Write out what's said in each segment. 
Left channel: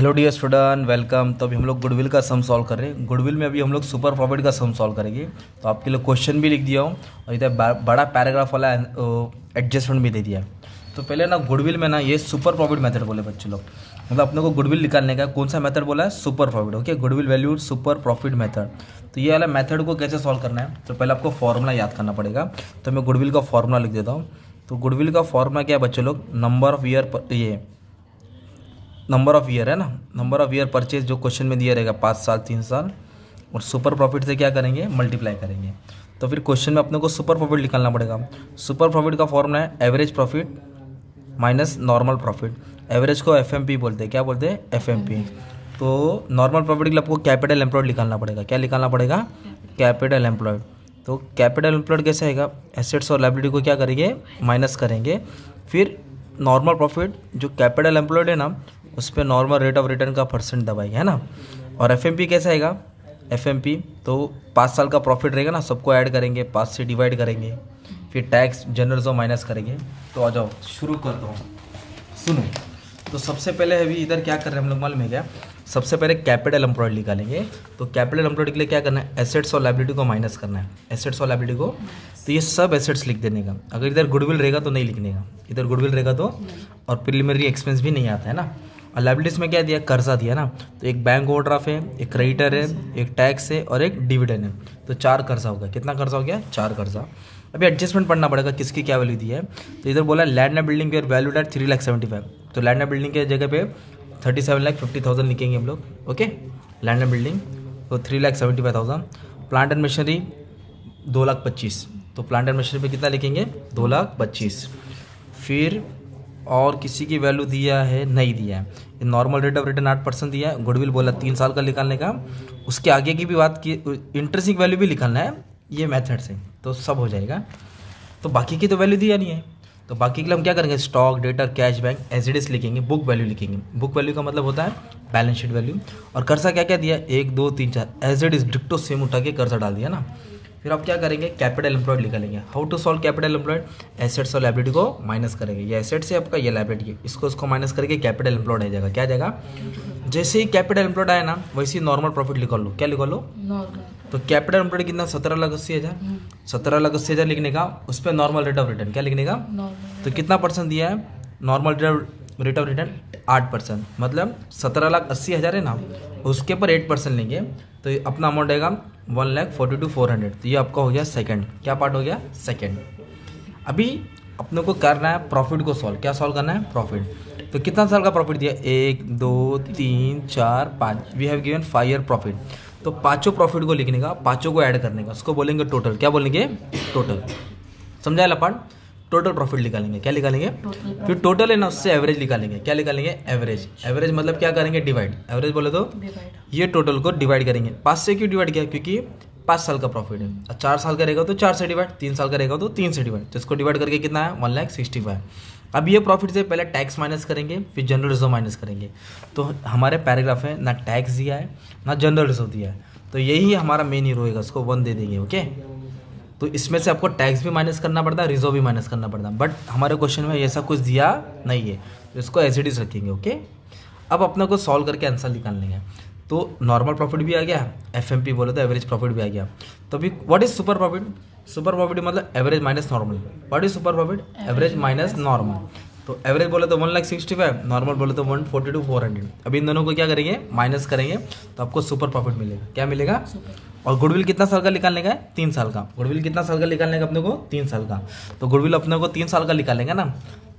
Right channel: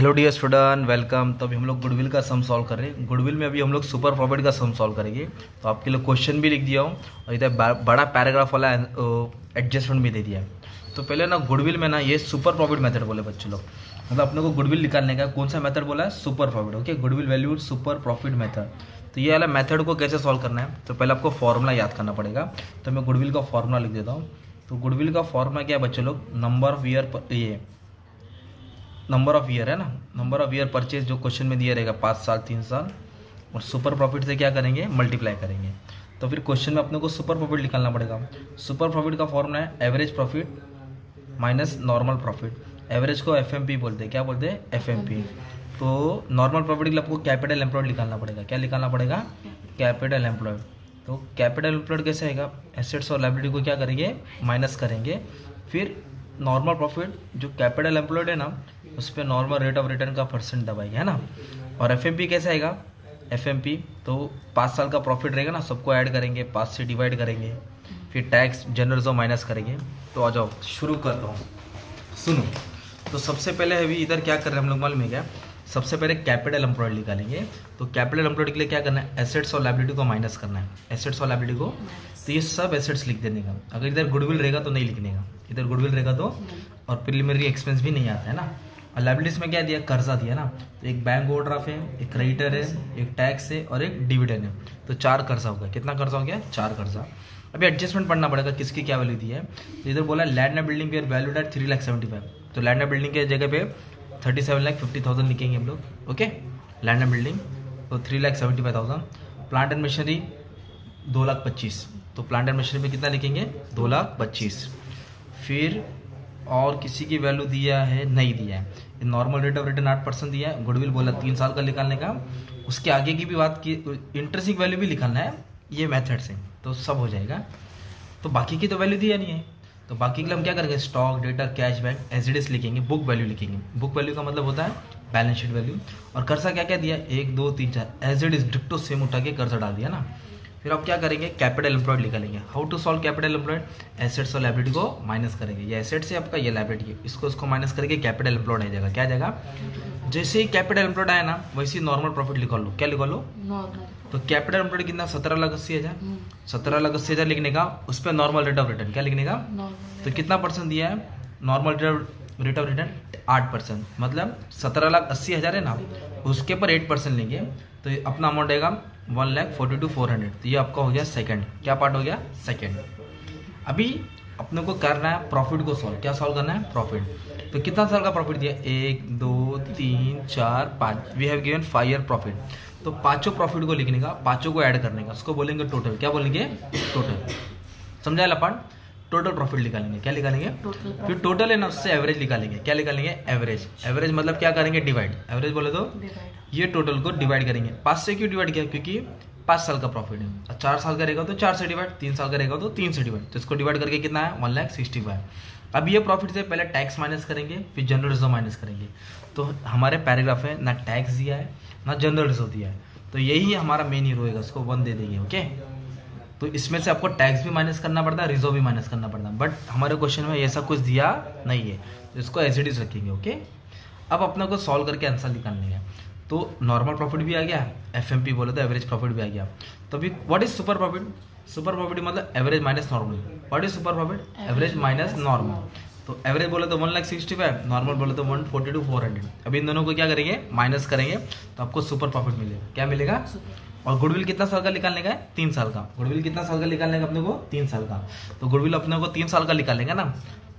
Hello dear student, welcome. तो अभी हम लोग गुडविल का सम सॉल्व कर रहे हैं। गुडविल में अभी हम लोग सुपर प्रॉफिट का सम सॉल्व करेंगे। तो आपके लिए क्वेश्चन भी लिख दिया हूँ और इधर बड़ा पैराग्राफ वाला एडजस्टमेंट भी दे दिया है। तो पहले ना गुडविल में ना ये सुपर प्रॉफिट मेथड बोले बच्चे लोग, मतलब अपने को गुडविल निकालने का कौन सा मेथड बोला है? Super profit. Okay, goodwill value super profit method. तो ये वाला मेथड को कैसे सॉल्व करना है, तो पहले आपको फॉर्मूला याद करना पड़ेगा। तो मैं गुडविल का फॉर्मूला लिख देता हूँ। तो गुडविल का फॉर्मूला क्या है बच्चे लोग? नंबर ऑफ ईयर, ये नंबर ऑफ ईयर है ना, नंबर ऑफ ईयर परचेज जो क्वेश्चन में दिया रहेगा 5 साल 3 साल, और सुपर प्रॉफिट से क्या करेंगे? मल्टीप्लाई करेंगे। तो फिर क्वेश्चन में अपने को सुपर प्रॉफिट निकालना पड़ेगा। सुपर प्रॉफिट का फॉर्मूला है average profit minus normal profit. Average को एफएमपी बोलते हैं। क्या बोलते हैं? एफएमपी। तो नॉर्मल प्रॉफिट के लिए आपको कैपिटल एम्प्लॉयड निकालना पड़ेगा। क्या निकालना पड़ेगा? Capital employed. तो कैपिटल एम्प्लॉयड कैसे आएगा? एसेट्स और लायबिलिटी को क्या करेंगे? माइनस करेंगे। फिर नॉर्मल प्रॉफिट जो कैपिटल एम्प्लॉयड है ना, उस पर नॉर्मल रेट ऑफ रिटर्न का परसेंट दबाएंगे, है ना। और एफएमपी कैसे आएगा? एफएमपी तो 5 साल का प्रॉफिट रहेगा ना, सबको ऐड करेंगे, 5 से डिवाइड करेंगे, फिर टैक्स जनरल जो माइनस करेंगे। तो आ जाओ शुरू कर रहा हूँ, सुनो। तो सबसे पहले अभी इधर क्या कर रहे हैं हम लोग मालूम है क्या? सबसे पहले कैपिटल एम्प्लॉयड निकालेंगे। तो कैपिटल एम्प्लॉयड के लिए क्या करना है? एसेट्स और लायबिलिटी को माइनस करना है। एसेट्स और लायबिलिटी को, तो ये सब एसेट्स लिख देने का। अगर इधर गुडविल रहेगा तो नहीं लिखने का, इधर गुडविल रहेगा तो, और प्रिलिमिनरी एक्सपेंस भी नहीं आता है ना। और लायबिलिटीज में क्या दिया? कर्जा दिया ना। तो एक बैंक ओवरड्राफ्ट है, एक क्रेडिटर है, एक टैक्स है और एक डिविडेंड है। तो 4 कर्जा हो गया। कितना कर्जा हो गया? 4 कर्जा। अभी एडजस्टमेंट पढ़ना पड़ेगा किसकी क्या वैल्यू दी है। तो इधर बोला लैंड एंड बिल्डिंग के वैल्यूड एट 3,75,000। तो लैंड एंड बिल्डिंग के जगह पे 37,50,000 लिखेंगे हम लोग। ओके, लैंड एंड बिल्डिंग तो 3,75,000। Plant and machinery 2,25,000। तो प्लांट एंड मशीनरी में कितना लिखेंगे? 2,25,000। फिर और किसी की वैल्यू दिया है? नहीं दिया है। नॉर्मल रेट ऑफ रिटर्न 8% दिया है। गुडविल बोला 3 साल का निकालने का। उसके आगे की भी बात की, इंट्रिंसिक वैल्यू भी निकालना है ये मेथड से, तो सब हो जाएगा। तो बाकी की तो वैल्यू दिया नहीं है, तो बाकी के लिए हम क्या करेंगे? Stock, debtor, cash bank, as it is लिखेंगे। बुक वैल्यू लिखेंगे। बुक वैल्यू का मतलब होता है बैलेंस शीट वैल्यू। और कर्जा क्या क्या दिया? 1 2 3 4 एज इट इज डिक्टो सेम उठा के कर्जा डाल दिया ना। फिर आप क्या करेंगे? कैपिटल एम्प्लॉयड निकालेंगे। How to solve capital employed? Assets और लायबिलिटी को माइनस करेंगे। ये एसेट्स है आपका, ये लायबिलिटी है, इसको माइनस करके कैपिटल एम्प्लॉयड आ जाएगा। क्या आ जाएगा? जैसे ही कैपिटल एम्प्लॉयड आया ना, वैसे ही नॉर्मल प्रॉफिट निकाल लो। क्या निकाल लो? तो कैपिटल एम्प्लॉयड कितना? 17,80,000। 17,80,000 लिखने का, उस पर नॉर्मल रेट ऑफ रिटर्न क्या लिखने का? तो कितना परसेंट दिया है? Normal rate of return 8%। मतलब 17,80,000 है ना, उसके पर 8% लेंगे। तो अपना अमाउंट आएगा 1,42,400। तो ये आपका हो गया सेकंड। क्या पार्ट हो गया? सेकंड। अभी अपने को करना है प्रॉफिट को सॉल्व। क्या सॉल्व करना है? प्रॉफिट। तो कितना साल का प्रॉफिट दिया? 1 2 3 4 5। We have given 5 year profit. तो पांचों प्रॉफिट को लिखने का, पांचों को ऐड करने का, उसको बोलेंगे टोटल। क्या बोलेंगे? टोटल। समझा ला पार्ट? टोटल प्रॉफिट निकालेंगे। क्या निकालेंगे? फिर टोटल है ना, उससे एवरेज निकालेंगे। क्या निकालेंगे? एवरेज। एवरेज मतलब क्या करेंगे? डिवाइड। एवरेज बोले तो ये टोटल को डिवाइड करेंगे। 5 से क्यों डिवाइड किया? क्योंकि 5 साल का प्रॉफिट है। 4 साल का रहेगा तो 4 से डिवाइड, 3 साल का रहेगा तो 3 से डिवाइड। तो इसको डिवाइड करके कितना है? 1,65,000। अब ये प्रॉफिट से पहले टैक्स माइनस करेंगे, फिर जनरल रिजर्व माइनस करेंगे। तो हमारे पैराग्राफ में ना टैक्स दिया है ना जनरल रिजर्व दिया है, तो यही हमारा मेन हीरो होगा, उसको 1 दे देंगे। ओके, तो इसमें से आपको टैक्स भी माइनस करना पड़ता है, रिजर्व भी माइनस करना पड़ता है, बट हमारे क्वेश्चन में ऐसा कुछ दिया नहीं है, तो इसको एज इट इज रखेंगे। ओके, अब अपना को सॉल्व करके आंसर निकालने का। तो नॉर्मल प्रॉफिट भी आ गया, एफएमपी बोले तो एवरेज प्रॉफिट भी आ गया। तो अभी what is super profit? Super profit मतलब average minus normal. What is super profit? Average minus normal. तो एवरेज बोले तो 1,65,000, नॉर्मल बोले तो 142,400। अभी इन दोनों को क्या करेंगे? माइनस करेंगे, तो आपको सुपर प्रॉफिट मिलेगा। क्या मिलेगा? और गुडविल कितना साल का निकालने का है? 3 साल का। गुडविल कितना साल का निकालने का अपने को? 3 साल का। तो गुडविल अपने को 3 साल का निकालेंगे ना,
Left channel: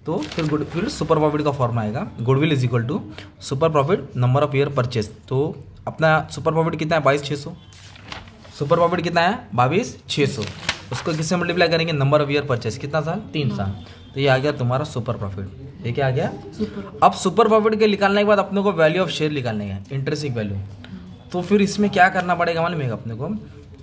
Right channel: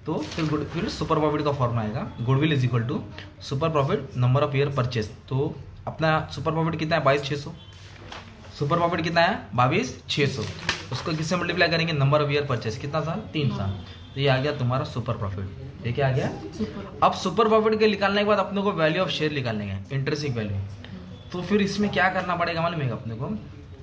तो फिर सुपर प्रॉफिट का फॉर्म आएगा। Goodwill is equal to super profit number of year purchase. तो अपना सुपर प्रॉफिट कितना है? 22,600। सुपर प्रॉफिट कितना है? 22,600। उसको किससे मल्टीप्लाई करेंगे? Number of year purchase. कितना साल? 3 साल। तो ये आ गया तुम्हारा सुपर प्रॉफिट। ये क्या आ गया? अब सुपर प्रॉफिट के निकालने के बाद अपने को वैल्यू ऑफ शेयर निकालने का, इंट्रिंसिक वैल्यू। तो फिर इसमें क्या करना पड़ेगा मालूम है अपने को?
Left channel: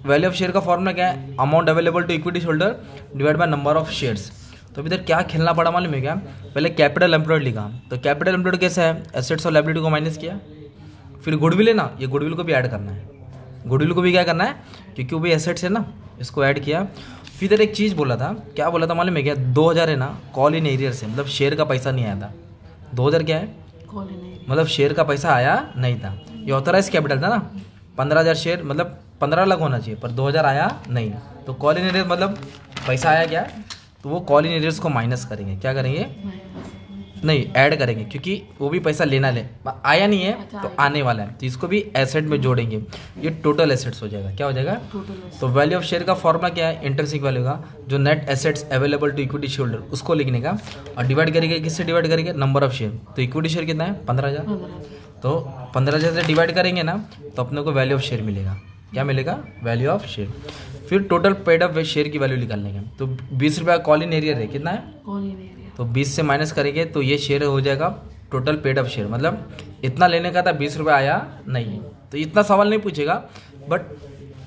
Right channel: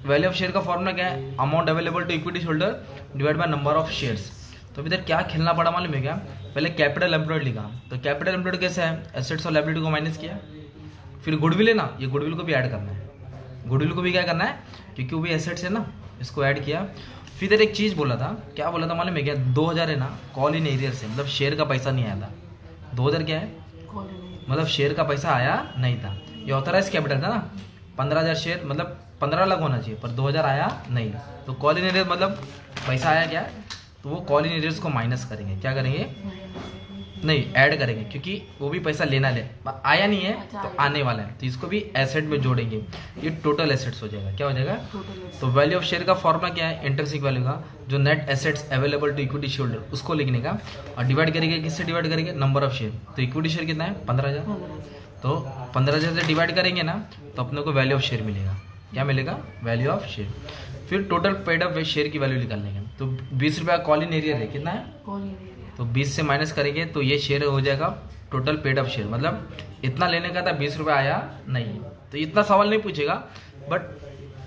वैल्यू ऑफ शेयर का फॉर्मूला क्या है? Amount available to equity holder divide by number of shares. तो इधर क्या खेलना पड़ा मालूम है क्या? पहले कैपिटल एम्प्लॉयड लिखा। तो कैपिटल एम्प्लॉयड कैसे है? एसेट्स और लायबिलिटी को माइनस किया। फिर गुडविल है ना, ये गुडविल को भी ऐड करना है। गुडविल को भी क्या करना है? क्योंकि वो भी एसेट्स है ना, इसको ऐड किया। फिर इधर एक चीज़ बोला था, क्या बोला था मालूम है क्या? 2,000 है ना, कॉल इन एरियर से, मतलब शेयर का पैसा नहीं आया था। 2,000 क्या है? मतलब शेयर का पैसा आया नहीं था। ये ऑथराइज कैपिटल था ना, 15,000 शेयर मतलब 15 लाख होना चाहिए, पर 2,000 आया नहीं। तो कॉल इन एरियर मतलब पैसा आया क्या, तो वो कॉल इन एरियर्स को माइनस करेंगे, क्या करेंगे, नहीं ऐड करेंगे, क्योंकि वो भी पैसा लेना आया नहीं है तो आने वाला है, तो इसको भी एसेट में जोड़ेंगे। ये टोटल एसेट्स हो जाएगा, क्या हो जाएगा। तो वैल्यू ऑफ शेयर का फॉर्मूला क्या है, इंट्रिंसिक वैल्यू का, जो net assets available to equity share holder उसको लिखने का, और डिवाइड करेंगे, किससे डिवाइड करेंगे, नंबर ऑफ शेयर। तो इक्विटी शेयर कितना है, 15,000, तो 15,000 से डिवाइड करेंगे ना, तो अपने को वैल्यू ऑफ शेयर मिलेगा, क्या मिलेगा, वैल्यू ऑफ शेयर। फिर टोटल पेड अप शेयर की वैल्यू निकाल लेंगे। तो 20 रुपये कॉल इन एरियर है, कितना है, तो 20 से माइनस करेंगे तो ये शेयर हो जाएगा टोटल पेड अप शेयर, मतलब इतना लेने का था, 20 रुपये आया नहीं। तो इतना सवाल नहीं पूछेगा, बट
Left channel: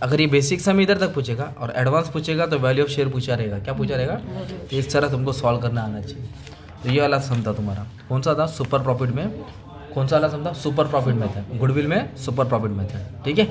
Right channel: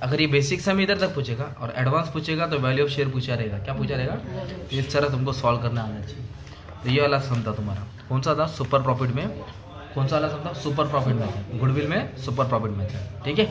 अगर ये बेसिक सम इधर तक पूछेगा और एडवांस पूछेगा तो वैल्यू ऑफ शेयर पूछा रहेगा, क्या पूछा रहेगा। तो इस तरह तुमको सॉल्व करना आना चाहिए। तो ये वाला सम था तुम्हारा, कौन सा था, सुपर प्रॉफिट में, कौन सा वाला सम था, सुपर प्रॉफिट में था, गुडविल में सुपर प्रॉफिट में था, ठीक है।